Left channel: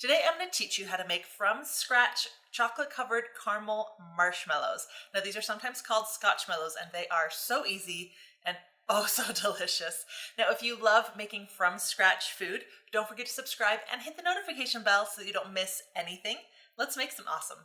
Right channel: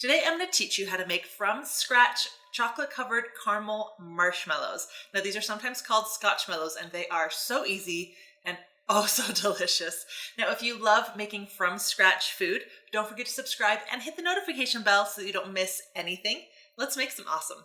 Today I'm going to teach you how to make from scratch chocolate covered caramel marshmallows. Now these are sometimes called Scotchmallows and they are so easy and oh so delicious. Now if you love making from scratch food, don't forget to subscribe and hit the notification bell so that you don't miss anything. Let's make some awesome.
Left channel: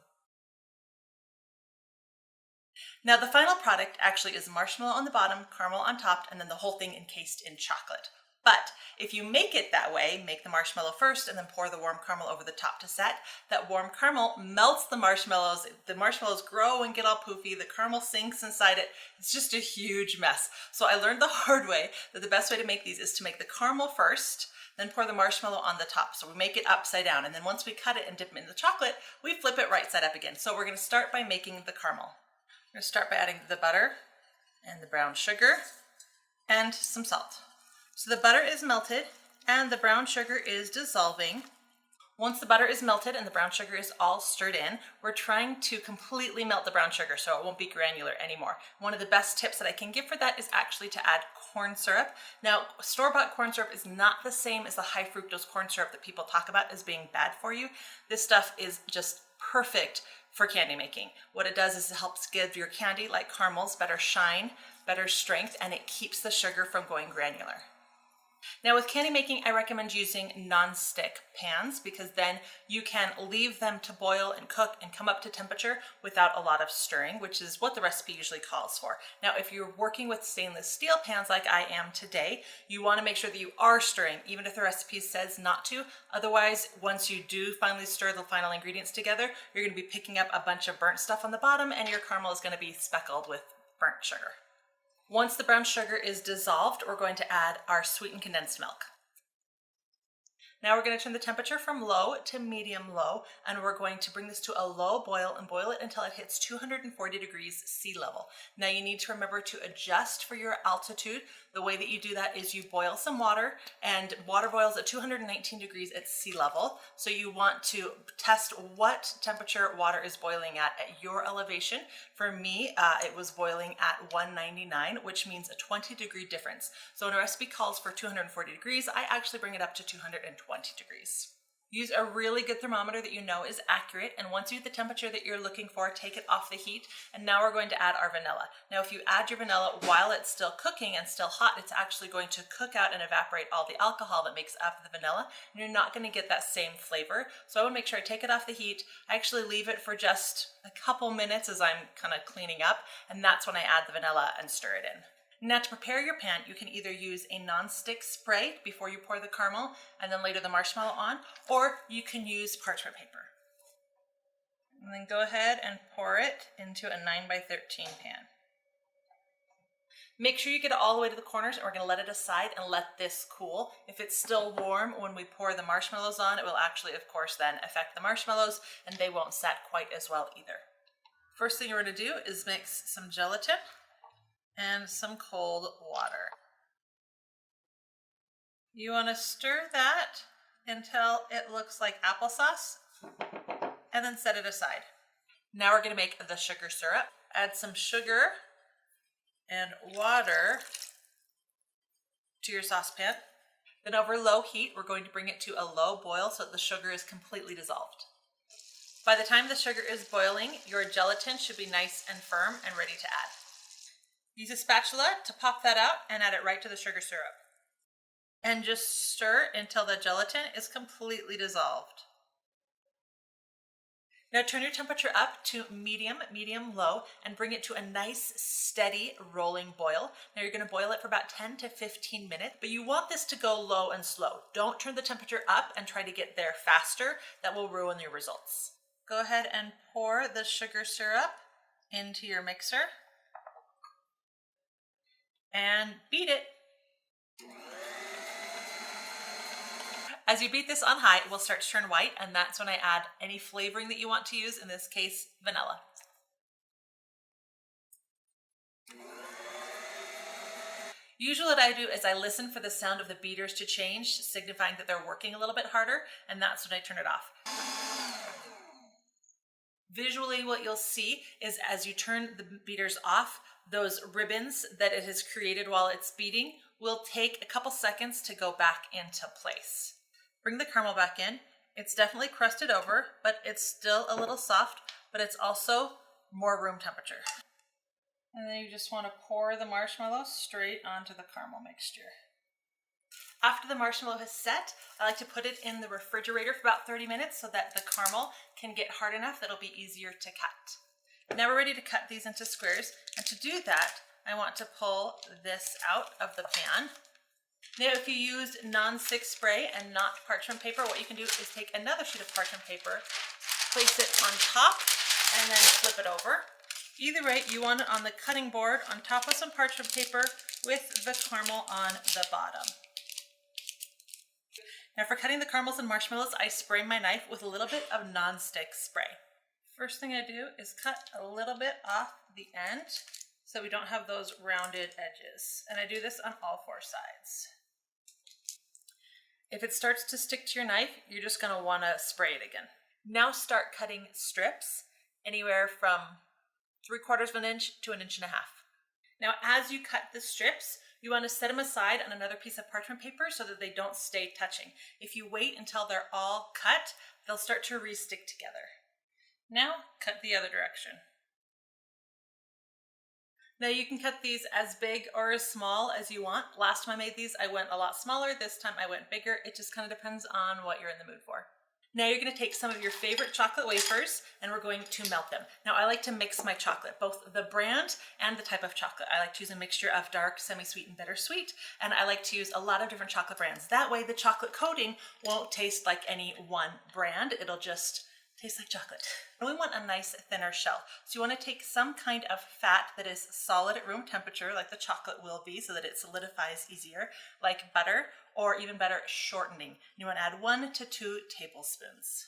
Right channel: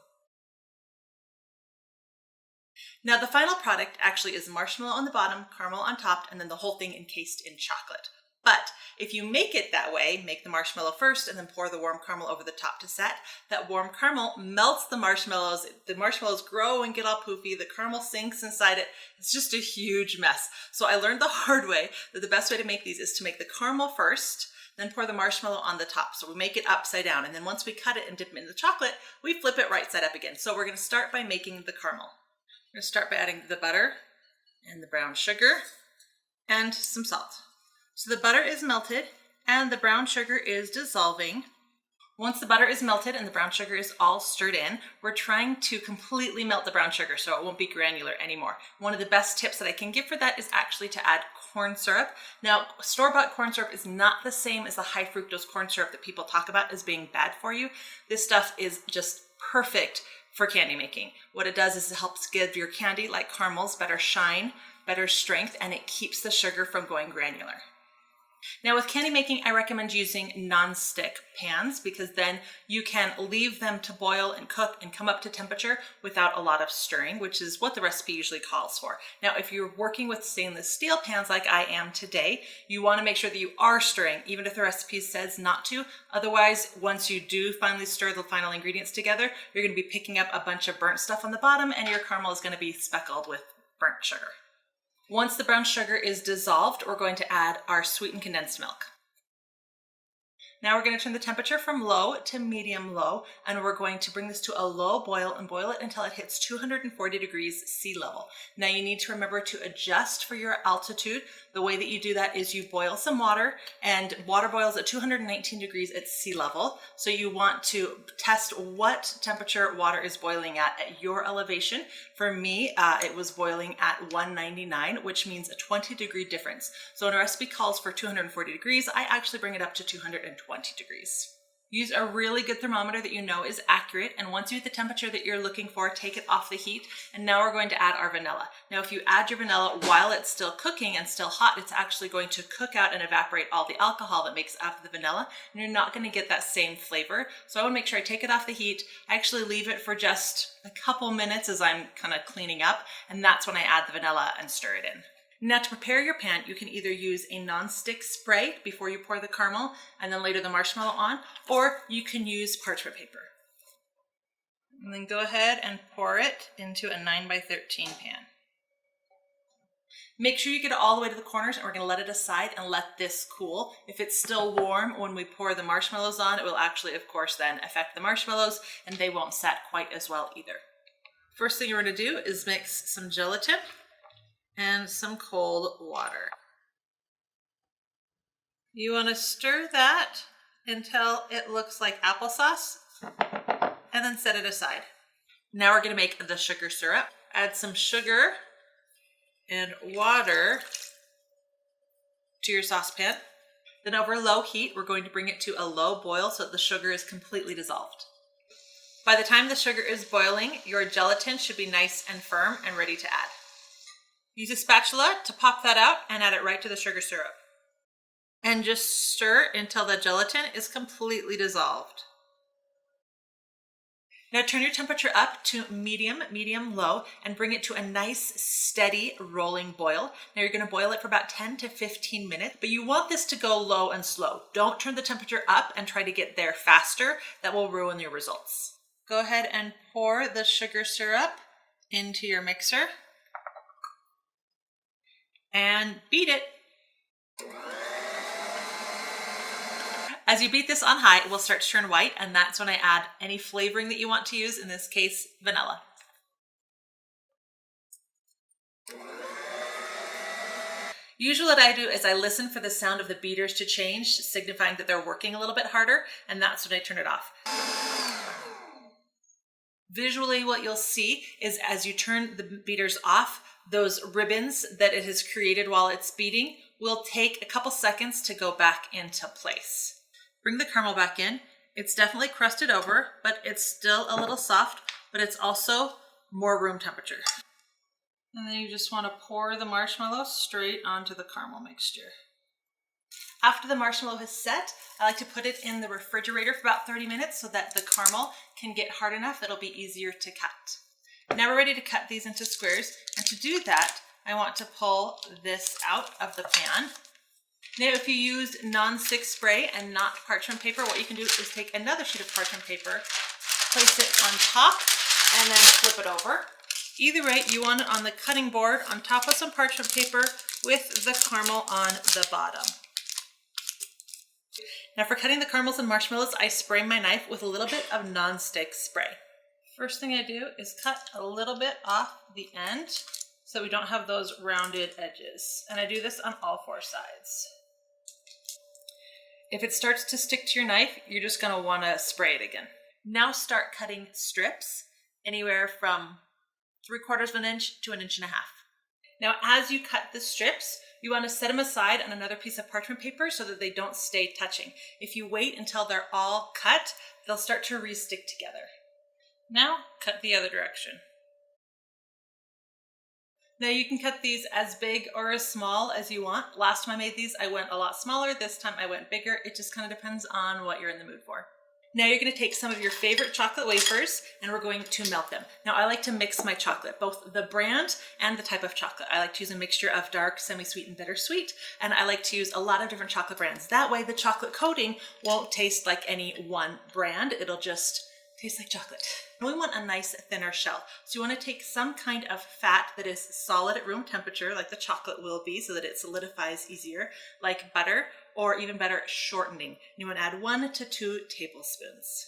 Now the final product actually is marshmallow on the bottom, caramel on top, and then the whole thing encased in chocolate. But if you make it that way, make the marshmallow first and then pour the warm caramel over the top to set, that warm caramel melts the marshmallows grow and get all poofy, the caramel sinks inside it. It's just a huge mess. So I learned the hard way that the best way to make these is to make the caramel first, then pour the marshmallow on the top. So we make it upside down, and then once we cut it and dip it in the chocolate, we flip it right side up again. So we're gonna start by making the caramel. We're going to start by adding the butter and the brown sugar and some salt. So the butter is melted and the brown sugar is dissolving. Once the butter is melted and the brown sugar is all stirred in, we're trying to completely melt the brown sugar so it won't be granular anymore. One of the best tips that I can give for that is actually to add corn syrup. Now, store-bought corn syrup is not the same as the high fructose corn syrup that people talk about as being bad for you. This stuff is just perfect for candy making. What it does is it helps give your candy, like caramels, better shine, better strength, and it keeps the sugar from going granular. Now with candy making, I recommend using non-stick pans because then you can leave them to boil and cook and come up to temperature without a lot of stirring, which is what the recipe usually calls for. Now, if you're working with stainless steel pans like I am today, you want to make sure that you are stirring, even if the recipe says not to. Otherwise, once you do finally stir the final ingredients together, you're going to be picking up a bunch of burnt stuff on the bottom and your caramel is going to be speckled with burnt sugar. Once the brown sugar is dissolved, we're going to add our sweetened condensed milk. Now we're going to turn the temperature from low to medium low, and we're going to bring this to a low boil and boil it until it hits 240 degrees sea level. Now you need to remember to adjust for your altitude. The way that you do that is you boil some water, and water boils at 219 degrees at sea level. So you want to test what temperature water is boiling at your elevation. For me, it was boiling at 199, which means a 20-degree difference. So when a recipe calls for 240 degrees, I actually bring it up to 220 degrees. Use a really good thermometer that you know is accurate, and once you hit the temperature that you're looking for, take it off the heat, and now we're going to add our vanilla. Now if you add your vanilla while it's still cooking and still hot, it's actually going to cook out and evaporate all the alcohol that makes up the vanilla, and you're not going to get that same flavor. So I want to make sure I take it off the heat. I actually leave it for just a couple minutes as I'm kind of cleaning up, and that's when I add the vanilla and stir it in. Now to prepare your pan, you can either use a non-stick spray before you pour the caramel and then later the marshmallow on, or you can use parchment paper. And then go ahead and pour it into a 9x13 pan. Make sure you get it all the way to the corners, and we're going to let it aside and let this cool. If it's still warm when we pour the marshmallows on, it will actually, of course, then affect the marshmallows and they won't set quite as well either. First thing we're going to do is mix some gelatin and some cold water. You want to stir that until it looks like applesauce and then set it aside. Now we're going to make the sugar syrup. Add some sugar and water to your saucepan. Then over low heat, we're going to bring it to a low boil so that the sugar is completely dissolved. By the time the sugar is boiling, your gelatin should be nice and firm and ready to add. Use a spatula to pop that out and add it right to the sugar syrup. And just stir until the gelatin is completely dissolved. Now turn your temperature up to medium, low, and bring it to a nice, steady, rolling boil. Now you're going to boil it for about 10 to 15 minutes, but you want this to go low and slow. Don't turn the temperature up and try to get there faster. That will ruin your results. Go ahead and pour the sugar syrup into your mixer and beat it. As you beat this on high, it will start to turn white, and that's when I add any flavoring that you want to use, in this case, vanilla. Usually what I do is I listen for the sound of the beaters to change, signifying that they're working a little bit harder, and that's when I turn it off. Visually, what you'll see is as you turn the beaters off, those ribbons that it has created while it's beating will take a couple seconds to go back into place. Bring the caramel back in. It's definitely crusted over, but it's still a little soft, but it's also more room temperature. And then you just want to pour the marshmallow straight onto the caramel mixture. After the marshmallow has set, I like to put it in the refrigerator for about 30 minutes so that the caramel can get hard enough that it'll be easier to cut. Now we're ready to cut these into squares, and to do that, I want to pull this out of the pan. Now if you use non-stick spray and not parchment paper, what you can do is take another sheet of parchment paper, place it on top, and then flip it over. Either way, you want it on the cutting board on top of some parchment paper with the caramel on the bottom. Now for cutting the caramels and marshmallows, I spray my knife with a little bit of non-stick spray. First thing I do is cut a little bit off the end so we don't have those rounded edges. And I do this on all four sides. If it starts to stick to your knife, you're just going to want to spray it again. Now start cutting strips anywhere from 3/4 of an inch to 1.5 inches. Now as you cut the strips, you want to set them aside on another piece of parchment paper so that they don't stay touching. If you wait until they're all cut, they'll start to re-stick together. Now cut the other direction. Now you can cut these as big or as small as you want. Last time I made these, I went a lot smaller. This time I went bigger. It just kind of depends on what you're in the mood for. Now you're going to take some of your favorite chocolate wafers and we're going to melt them. Now I like to mix my chocolate, both the brand and the type of chocolate. I like to use a mixture of dark, semi-sweet, and bittersweet, and I like to use a lot of different chocolate brands. That way the chocolate coating won't taste like any one brand. It'll just taste like chocolate. And we want a nice thinner shell. So you want to take some kind of fat that is solid at room temperature, like the chocolate will be, so that it solidifies easier, like butter, or even better, shortening. You want to add 1 to 2 tablespoons.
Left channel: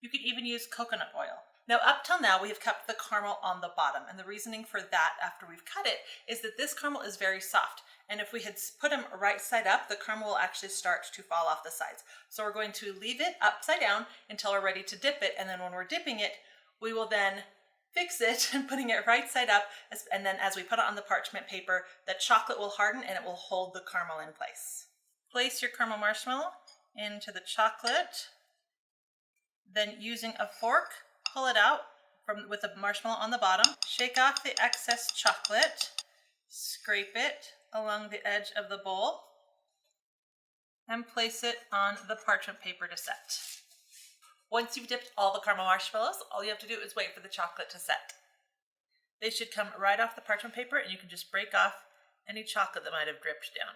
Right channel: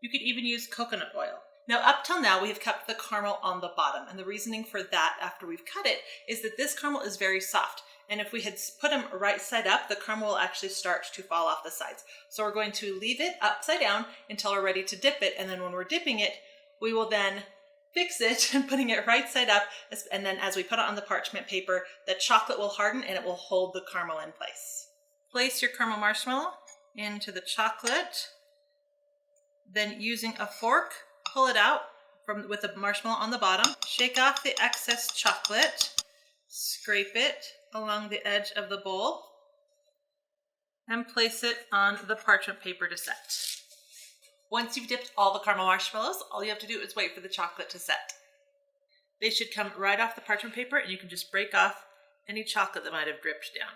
You could even use coconut oil. Now up till now, we have kept the caramel on the bottom, and the reasoning for that after we've cut it is that this caramel is very soft. And if we had put them right side up, the caramel will actually start to fall off the sides. So we're going to leave it upside down until we're ready to dip it. And then when we're dipping it, we will then fix it and putting it right side up. And then as we put it on the parchment paper, the chocolate will harden and it will hold the caramel in place. Place your caramel marshmallow into the chocolate. Then using a fork, pull it out with the marshmallow on the bottom. Shake off the excess chocolate. Scrape it along the edge of the bowl and place it on the parchment paper to set. Once you've dipped all the caramel marshmallows, all you have to do is wait for the chocolate to set. They should come right off the parchment paper and you can just break off any chocolate that might have dripped down.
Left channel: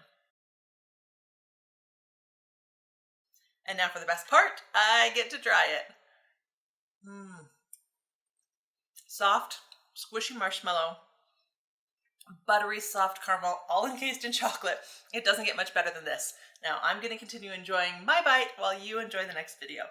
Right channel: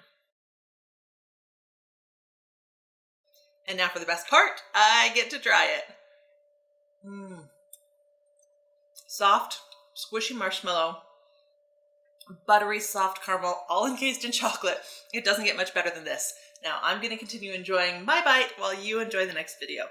And now for the best part, I get to try it. Soft, squishy marshmallow, buttery soft caramel, all encased in chocolate. It doesn't get much better than this. Now I'm going to continue enjoying my bite while you enjoy the next video.